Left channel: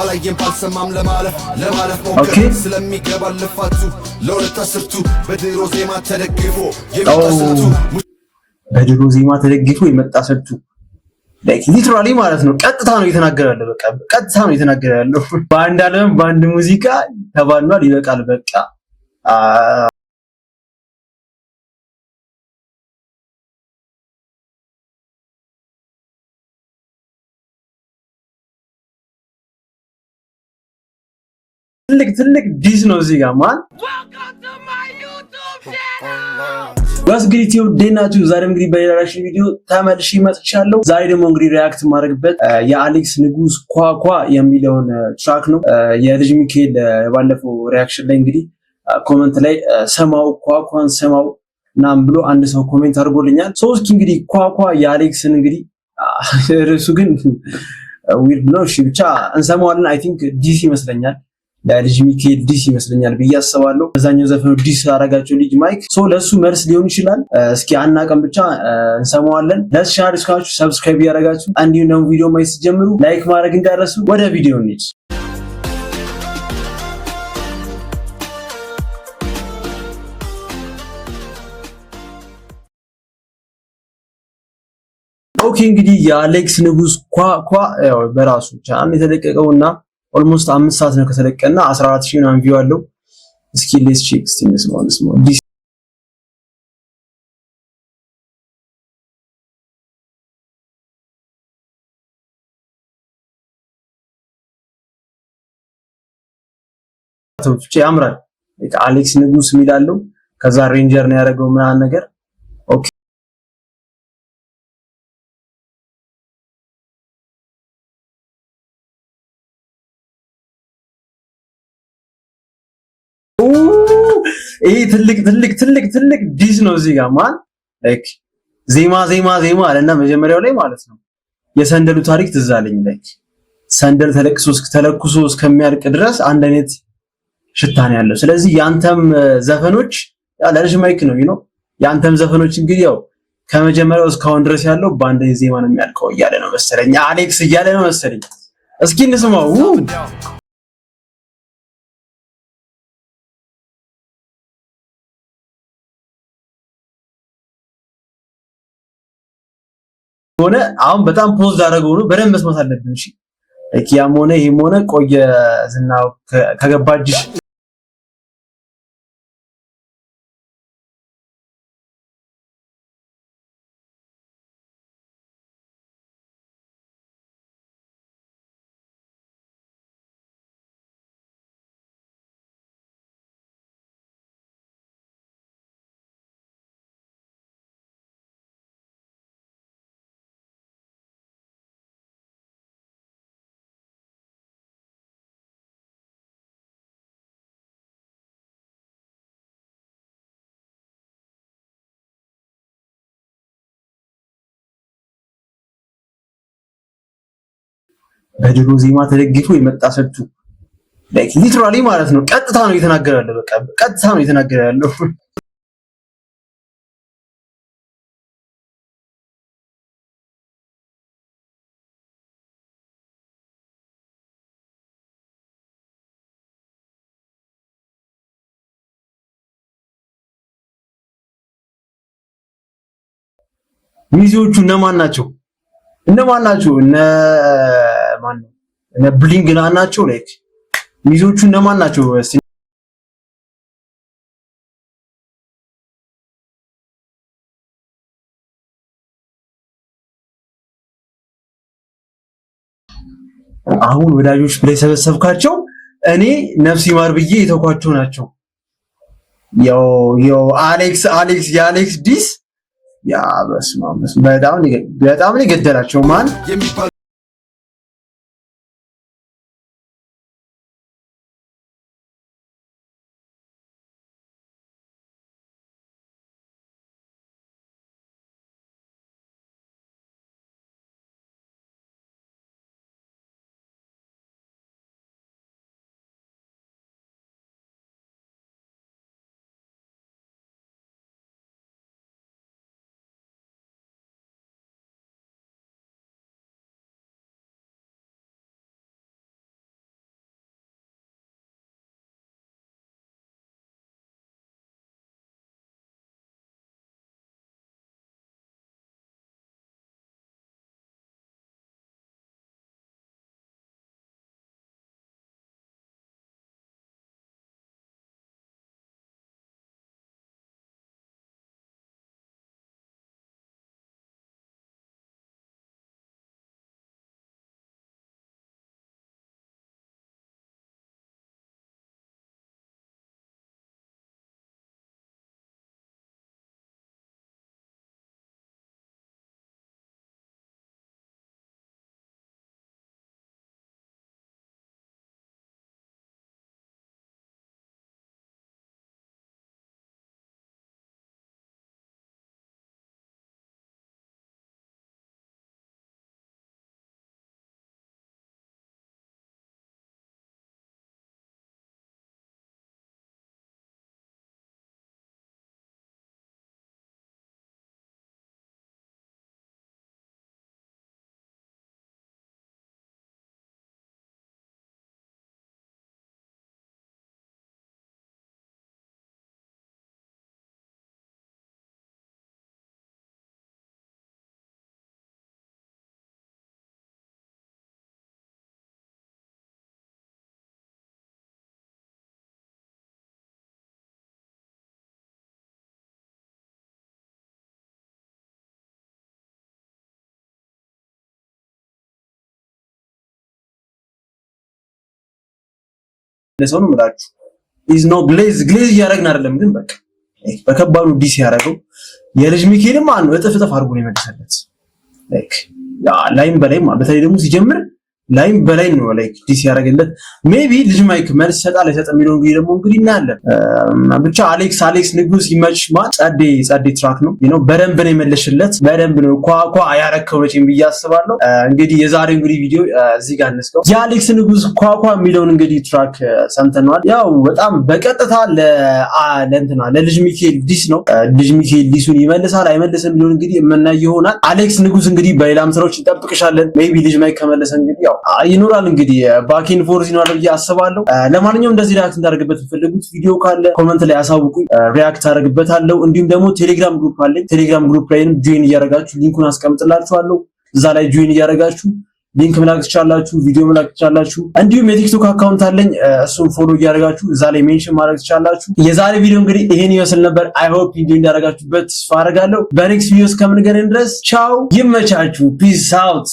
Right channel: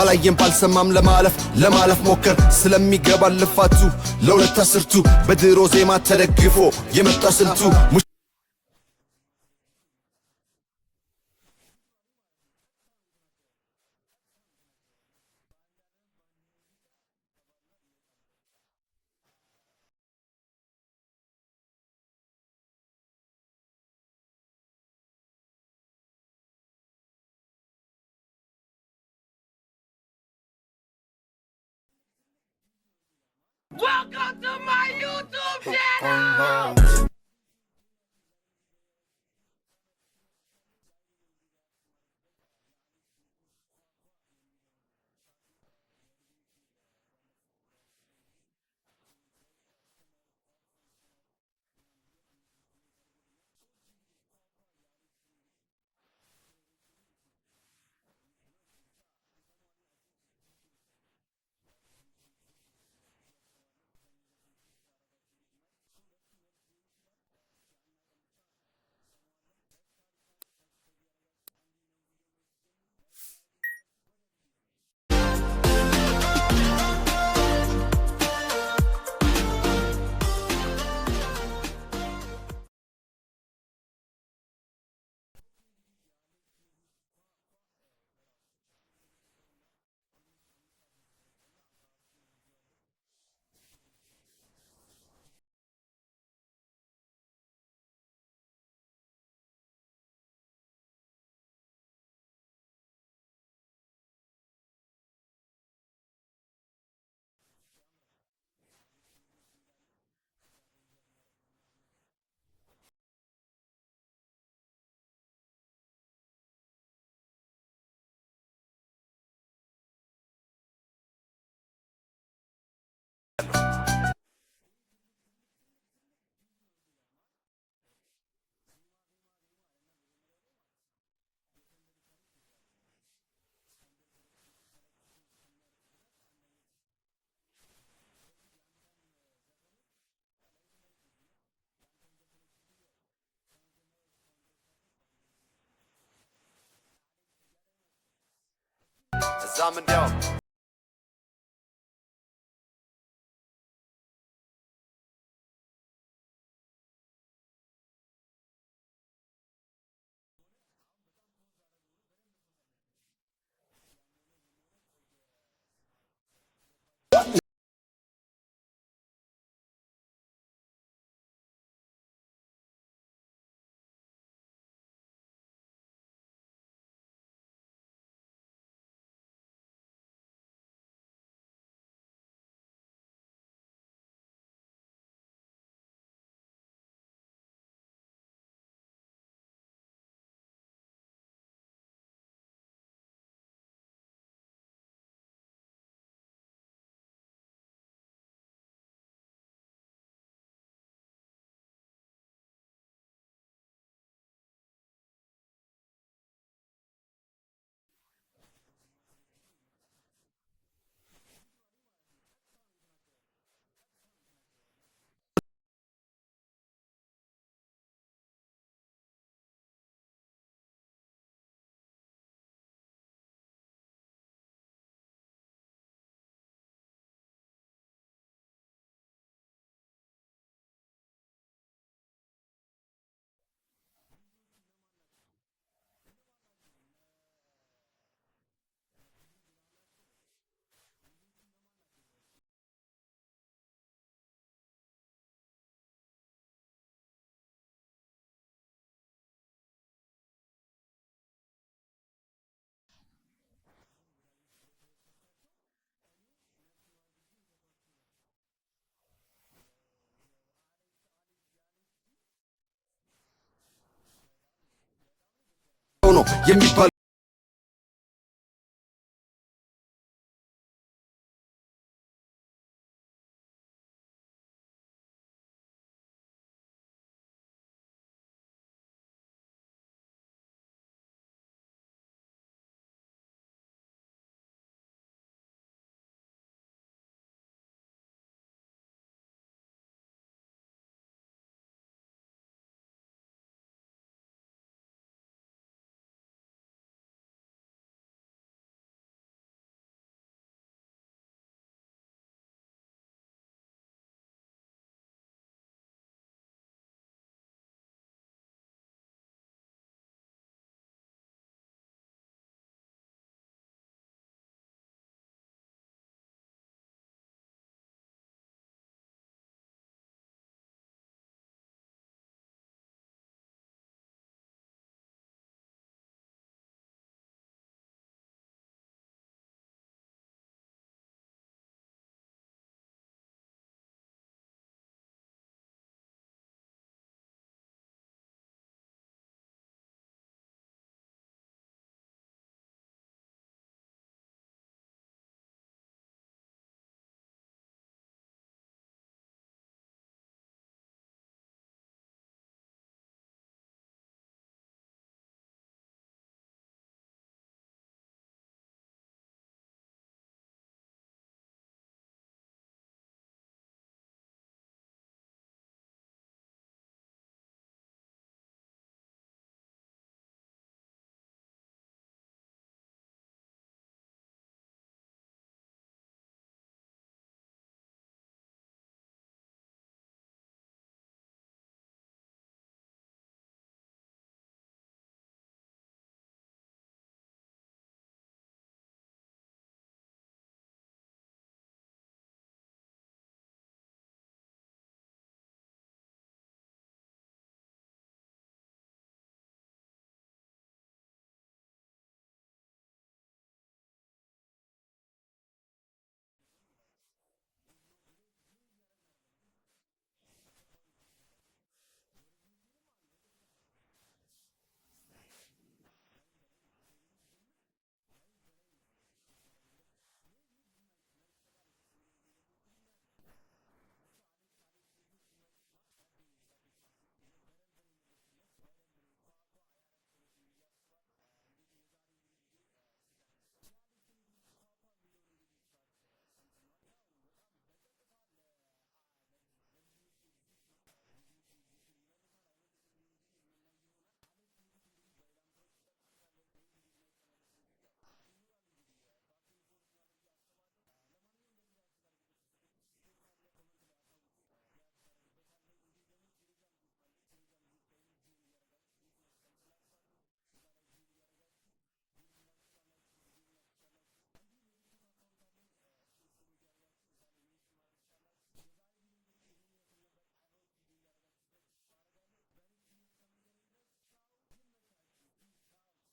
ባላየም ባልሰማም ለማለፍ ሞከር ስለሚገባ ልፋቱ ለሁለት አስርቱ በድሮ ዜማ ተደግፎ የመጣ ስልቱ በድሮ ዜማ ተደግፎ የመጣ ስልቱ ላይክ ሊትራሊ ማለት ነው። ቀጥታ ነው እየተናገረ ያለው። በቃ ቀጥታ ነው እየተናገረ ያለው። በአንድ ዓለም በአንድ ሙዚቃ ተባሏል። ይበቃል በቃ ትልቅ ዲስ ነው እዚህ ጋር ማን እንግዲህ ዴናችሁ ዛሬ እንግዲህ በሌላ ሪአክሽን ቪዲዮ ተመልሼ መጥቻለሁ። ዛሬ ደግሞ እንግዲህ ሪአክት ማድረግበት የአሌክስ ንጉስ ኳኳ የሚለውን ትራክ ነው። የልጅ ሚካኤል ባለፈው ሪአክሽን ላይ እንግዲህ ኮሜንት ላይ ሰማው ኳኳን ሰማው ናም ብሎ አንድ ሰው ኮሜንት አድርጎልኛል። እስኪ እንግዲህ ኳኳ የአሌክስን እንግዲህ ርዕሱ ግን ዊርድ ነው። እሺ ብቻ እንሰማዋለን። አይ ቲንክ ዲስ ይመስለኛል ለልጅ ሚካኤል ዲስ ይመስለኛል ብዬ አስባለሁ። በዛኛው ዘፈኑ ዲስ አረጋቸው ልጅ ማይክ ለሱ መልስ ሊሆን ይችላል። እስኪ አናቀም ብቻ እንሰማዋለን። ለቻናሉ እስካችሁ ሰብስክራይብ ያደረጋችሁ እንዲሁም ደግሞ ቪዲዮ ማየት ሲጀምሩ ላይክ ማድረግ እንዳትረሱ። ወደ ቪዲዮ እንሂድ። ኦኬ እንግዲህ የአሌክስ ንጉስ ኳኳ ያው በራሱ ቻናል የተለቀቀውና ኦልሞስት 5 ሰዓት ነው ከተለቀቀና 14000 ምናምን ቪው አለው። እስኪ ሌትስ ቼክ እስቲ እንስማው ዲስ ብቻ ያምራል። አሌክስ ንጉስ የሚላለው ከዛ ሬንጀር ነው ያደረገው ምናምን ነገር ኦኬ ይሄ ትልቅ ዲስ ነው እዚህ ጋር ማን ላይክ ዜማ አለና መጀመሪያው ላይ ማለት ነው የሰንደሉ ታሪክ ትዝ አለኝ። ላይክ ሰንደል ተለኩሶ እስከሚያልቅ ድረስ አንድ አይነት ሽታ ነው ያለው። ስለዚህ ያንተም ዘፈኖች ለልጅ ማይክ ነው ያንተም ዘፈኖች እንግዲህ ያው ከመጀመሪያው እስካሁን ድረስ ያለው በአንድ ዜማ ነው የሚያልቀው እያለ ነው መሰለኝ አሌክስ እያለ ነው መሰለኝ። እስኪ እንስማው። ሆነ አሁን በጣም ፖዝ አደረገው ነው በደንብ መስማት አለብን። እሺ ያም ሆነ ይሄም ሆነ ቆየ ዝናው ከገባጅ በድሮ ዜማ ተደግፎ የመጣ ስልቱ ላይክ ሊትራሊ ማለት ነው። ቀጥታ ነው እየተናገረ ያለው። በቃ ቀጥታ ነው እየተናገረ ያለው። ሚዜዎቹ እነማን ናቸው? እነ ማን ነው? እነ ብሊንግ ናቸው። ላይክ ሚዜዎቹ እነማን ናቸው? አሁን ወዳጆች ብለህ ሰበሰብካቸው እኔ ነፍስ ይማር ብዬ የተኳቸው ናቸው። ያው አሌክስ የአሌክስ ዲስ ያ በስመ አብ በጣም ነው የገደላቸው ማን ለሰው ነው የምላችሁ። ኢዝ ኖ ግሌዝ እያደረግን አይደለም፣ ግን በቃ በከባዱ ዲስ ያደረገው የልጅ ሚካኤልም ማነው እጥፍ አድርጎ ነው የመለሰለት። ላይክ ላይም በላይ በተለይ ደግሞ ሲጀምር ላይም በላይ ነው ላይክ ዲስ ያደረገለት። ሜቢ ልጅ ማይክ መልስ ይሰጣል አይሰጥም የሚለው እንግዲህ እናያለን። ብቻ አሌክስ ንጉስ ይመችሽ ጸዴ ትራክ ነው በደንብ ነው የመለሽለት። በደንብ ነው ኳ ያረከው መቼም ብዬ አስባለሁ። እንግዲህ የዛሬው ቪዲዮ እዚህ ጋር እንስከው። የአሌክስ ንጉስ ኳ የሚለውን እንግዲህ ትራክ ሰምተናል። ያው በጣም በቀጥታ ለልጅ ሚካኤል ዲስ ነው። ልጅ ሚካኤል ዲሱን ይመልሳል አይመልስም የሚለውን እንግዲህ የምናየው ይሆናል። አሌክስ ንጉስ እንግዲህ በሌላም ስራዎች እንጠብቅሻለን። ሜቢ ልጅ ማይክ ከመለሰ እንግዲህ ያው ይኖራል እንግዲህ ባኪን ፎርስ ይኖራል ብዬ አስባለሁ። ለማንኛውም እንደዚህ ሪያክት እንዳደርግበት የምትፈልጉት ቪዲዮ ካለ ኮመንት ላይ አሳውቁኝ፣ ሪያክት አደርግበታለሁ። እንዲሁም ደግሞ ቴሌግራም ግሩፕ አለኝ። ቴሌግራም ግሩፕ ላይም ጆይን እያደረጋችሁ ሊንኩን አስቀምጥላችኋለሁ። እዛ ላይ ጆይን እያደረጋችሁ ሊንክ መላክ ትችላላችሁ፣ ቪዲዮ መላክ ትችላላችሁ። እንዲሁም የቲክቶክ አካውንት አለኝ፣ እሱን ፎሎ እያደረጋችሁ እዛ ላይ ሜንሽን ማድረግ ትችላላችሁ። የዛሬ ቪዲዮ እንግዲህ ይሄን ይመስል ነበር። አይ ሆፕ ቪዲዮ እንዳደረጋችሁበት ተስፋ አደርጋለሁ። በኔክስት ቪዲዮ እስከምንገናኝ ድረስ ቻው፣ ይመቻችሁ፣ ፒስ አውት።